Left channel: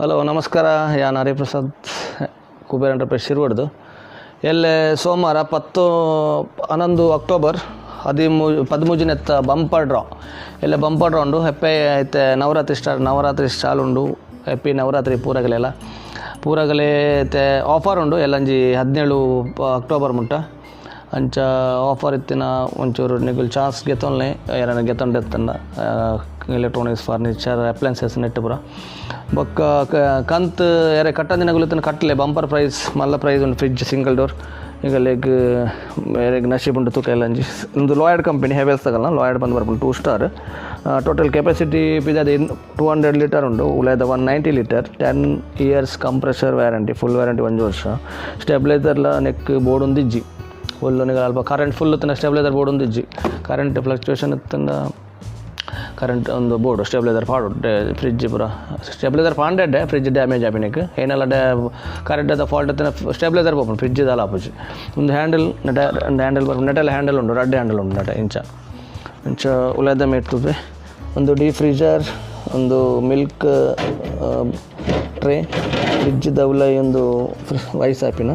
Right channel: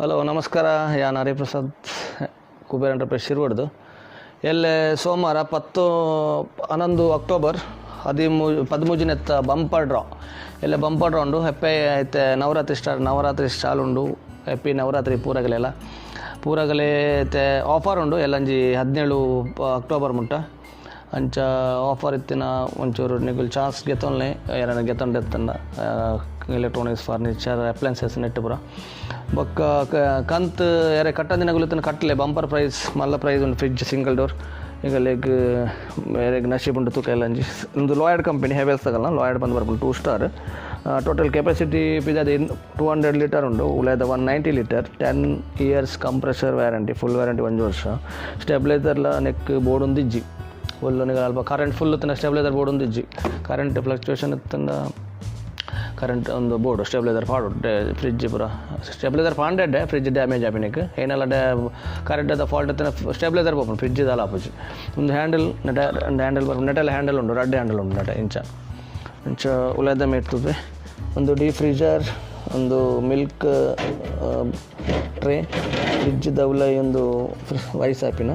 Hello ನಮಸ್ಕಾರ ಯಾನ್ Hariprasad Kuber enterprise ಶಿರ್ವಡ್ದು ಎಲ್ಲೆ ಸೋಮವಾರ 11 ಅಕ್ಟೋಬರ್ 13 ಬಂಪರ್ ಡ್ರಾ ಎಲ್ಲ ಬಂಪರ್ ಡ್ರಾ ಉಂಡು ಹೆಪ್ಪೆ ಐತೆ ನವರಾತ್ರಿ ಸ್ಟಾಲ್ ಉಂಡು ಹೆಪ್ಪಿ ನವರಾತ್ರಿ ಪೂರಗಲೆ ಐತೆ ಆಫರ್ ಉಂಡು ಎಲ್ಲಂಜಿ 17 ಅಕ್ಟೋಬರ್ ಮುಟ್ಟ ಅಂಚ ಆಫರ್ ಇತ್ತಿನ ಒಂಚೂರು ನಿಗುಲ್ ಚಾನ್ಸ್ ಗೆತ್ತೊನ್ಲೆ ಯಾರನ್ನ ಗೆತ್ತೊಂಡೆತ್ತಂದ ಎಲೆಕ್ಟ್ರಾನಿಕ್ಸ್ ಫರ್ನಿಚರ್ ಅಪ್ಲಯನ್ಸಸ್ ನೆಟ್ ಪೂರ ಬೊಕ್ಕ ಕಂತು ಯಾರೇ ಕಟ್ಟದಿನಗುಲತನ ಕಟ್ಟಲೆ ಬಂಪರ್ ಪ್ರೈಸ್ ಮಲ್ಲ ಪ್ರೈಸ್ ಒಂದು ಫ್ರಿಡ್ಜ್ ಸಿಂಗಲ್ ಡೋರ್ ಈಗ ಲೆಗ್ ನಶೀಬ್ ಉಂಟು ತೂಕ ಎಲ್ಲಂಜಿ ಒಂದು ಲಾಯ್ಡ್ ಕಂಪನಿ ಹೆವೆಲ್ಸ್ ತಗಲ್ಲ ಲಾಯ್ಡ್ ಬಂದು ಬರ್ಬೋದು 2 ಸ್ಟಾರ್ ಟೋಟಲ್ ಕೆಪಾಸಿಟಿ ಪಿದಾದ 200 ಲೀಟರ್ ಉಂಡು ಉಳಿದ 190 litre 10 years compressor warranty full warranty 1 ವರ್ಷ ಸ್ಟೆಬಿಲೈಸರ್ಲ ನೆಕ್ ಬೋರ್ಡ್ ಒಂದು ಇಜ್ಜಿ ಫುಲ್ಲು ನಿಗ ಅಲ್ಪ ಕರೆಂಟ್ ಫುಲ್ ತನ್ನ ಸ್ಟೆಬಿಲೈಸರ್ ಬೋರ್ಡ್ ಒಂದು ಇಜ್ಜಿ ಕರೆಂಟ್ ಫ್ಲಕ್ಚುಯೇಷನ್ ಇತ್ತಂದ ಕರೆಂಟ್ ಒಂದು ಬೋರ್ಡು ಸ್ಟೆಬಿಲೈಸರ್ ಪಾಡು ಫ್ರಿಡ್ಜ್ ಪೂರ ಸ್ಟೆಬಿಲೈಸರ್ ಪಾಂಡೆ ಫ್ರಿಡ್ಜ್ ಡ್ಯಾಮೇಜ್ ಆಪಿನಕ್ಕೆ ಏನೆಲ್ಲ ಕರೆಂಟ್ ಅದ ಫಾಲ್ಟ್ ಇತ್ತು ಸ್ಟೆಬಿಲೈಸರ್ ಬೋಪು ಫ್ರಿಡ್ಜ್ ಇದಲ್ಲ ಆಪೋಜಿ ಒಂದು ಹ್ಯಾಂಡಲ್ ಬರ್ಬೋದು ನೆಟೆಲ್ಲ ಹ್ಯಾಂಡಲ್ ಉಂಟು ರೆಡ್ ಹ್ಯಾಂಡಲ್ ಉಂಟು ನೆಟ ಇಂಚ ಉಳಿದ ಮೇಟ್ತದೆ ಒಂದು ಡೀಪ್ ಫ್ರೀಜರ್ ಒಂದು ಮಿಲ್ಕ್ ಟ್ರೇ ಫ್ರಿಡ್ಜ್ದ ಉಲೈ ಒಂದು ವೈಸ್ ಆಪಿನ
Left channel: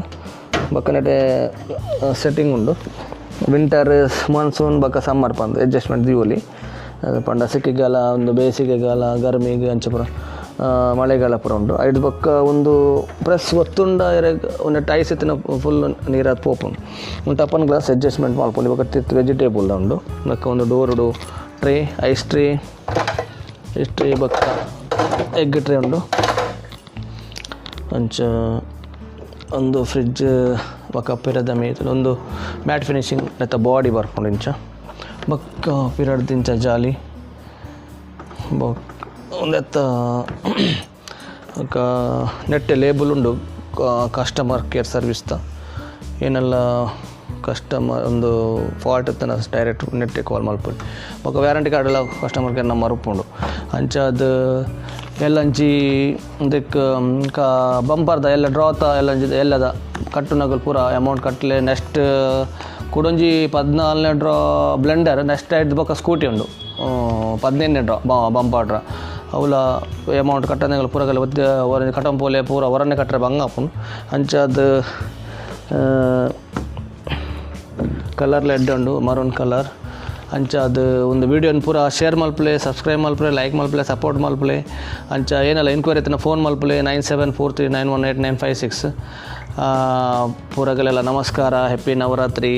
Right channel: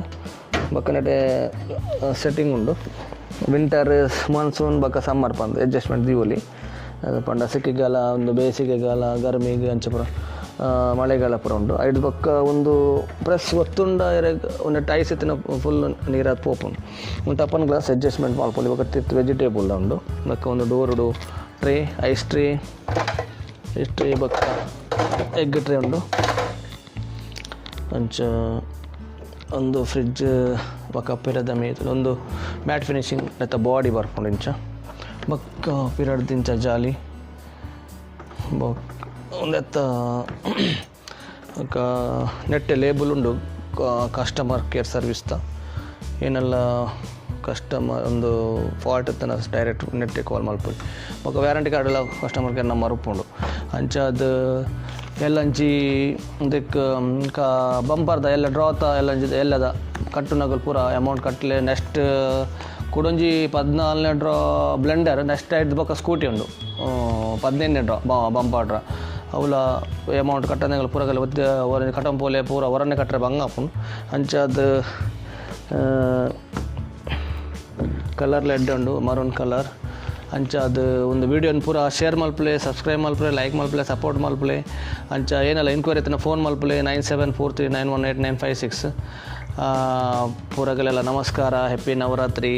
ಬಕ್ಕ ನೆಟೆ ಸೆಟ್ಟಿಂಗ್ ಉಂಡು ವಿಂಟರ್ ಮಾನ್ಸೂನ್ ಬಕ್ಕ ಸಮ್ಮರ್ ಪಂದು ಅಡ್ಜಸ್ಟ್ಮೆಂಟ್ ದೀವಲಿ ಪಂಡ ಸಿಕ್ಕಿಗಾಲ ಒಂದು ಬೇಸಿಗೆಗಾಲ ಗರ್ಮಿಗೆ ಅಂಚೆ ಪುರ ಮಳೆಗಾಲ ಪುರ ಉಂಟು ಐದು ಬೊಕ್ಕ ಒಂದು ಪ್ರೆಸ್ ಒತ್ತುಂಡ ಒಂದು ಟೈಸ್ ಇತ್ತಿನ ಫುಲ್ ನೀರಾದ ಪೋಪುಂಡು ಒಂದು ಟಪ್ಪನ್ ಗ್ಲಾಸ್ ಅಡ್ಜಸ್ಟ್ಮೆಂಟ್ ಮಾಡ್ಕೊಂಡು ಇವಾಗ ತಿತ್ತು ವೆಜಿಟೇಬಲ್ ಉಂಡು ಬೊಕ್ಕ ಒಂದು ಡೋರ್ಡು ಟ್ರೇ ಐಸ್ ಟ್ರೇ ಬೊಕ್ಕ ಎಗ್ ಟ್ರೇ ಉಂಡು ಅಂಚ ಒಂದು ಫ್ರಿಡ್ಜ್ ಬೊಕ್ಕ ಪಿರದ ಮೀತು ಒಂದು ಮ್ಯಾಟ್ ಫಿನಿಶಿಂಗ್ ಮತ್ತು ಬಾಡಿ ಬರ್ಕೊಂಡು ಇಂಚ ಬೊಕ್ಕ ಪಿರಡ್ ದಿಂಚ ಜಾಲಿ ಒಂದೆತ್ತ ನೆಟ್ಟೆ ಲೇಬಲ್ ಉಂಡು ಕಸ್ಟಮರ್ ಕೇರ್ ಸರ್ವಿಸ್ದ ಏನೆಲ್ಲ ಕಸ್ಟಮರ್ ಒಂದು ಫಾಲ್ಟ್ ಇತ್ತನ ಡೈರೆಕ್ಟ್ ನೆಟ್ಟೆ ಕಾಲ್ ಮಾಡ್ಬಿಟ್ಟು ಬೊಕ್ಕ ವ್ಯಾರಂಟಿ ಕಾರ್ಡ್ ಎಲ್ಲ ಕಸ್ಟಮರ್ ಕೇರ್ ನಂಬರ್ ಉಪ್ಪುಂಡು ಅಂಚ ಅದು ಎಲ್ಲಂಚಿ ಇದಕ್ಕೆ ಬಂಪರ್ದ ಎಲ್ಲ ಡ್ರಾತ ಎಲ್ಲಂಚಿ ಎಲ್ಲದ ಕಟ್ಟುನಗಲ್ ಪೂರ ಅಮೌಂಟ್ ಕಟ್ಟಲೆ ನೆಕ್ಸ್ಟ್ ಕುಡೊಂಜಿ 14ನೇ ಡ್ರಾ ಬ್ಲೆಂಡರ್ ನೆಕ್ಸ್ಟ್ ಐದು ಬೊಕ್ಕ ಸ್ಕೂಟಿ ಉಂಡು 15ನೇ ಡ್ರಾ ಬಂಪರ್ ಡ್ರಾ ಅವಲ ಅಮೌಂಟ್ ಕಟ್ಟನಗಲ್ ಪೂರಗಲ್ಲ ಒತ್ತಿ ಕಟ್ಟಂಪೋಲೆ ಪೂರ ಹೊರನೇ ಕಟ್ಟರೆ ಬಂಗಾಪುಂಡು ಅಂಚ ಅದು ಕಲರ್ ಲೆಡ್ ಉಂಡು ಮರೂನ್ ಕಲರ್ ಅಂಚ ಅದು ಒಂದು ವೀಡಿಯೋನ ಪೂರ ಶೇರ್ ಮಲ್ಪ್ಲೆ ಸಬ್ಸ್ಕ್ರೈಬ್ ಮಲ್ಪ್ಲೆ ಲೈಕ್ ಮಲ್ಪ್ಲೆ ಸಪೋರ್ಟ್ ಮಲ್ಪ್ಲೆ ಅಂಚ ಏನೆಲ್ಲ ಎನ್ಕ್ವೈರಿ ಇತ್ತು ಫೋನ್ ಮಲ್ಪ್ಲೆ 9743918956 ಪೂರಗಲೆಲ್ಲ ನಮಸ್ಕಾರ ಹ್ಯಾಪಿ ನವರಾತ್ರಿ.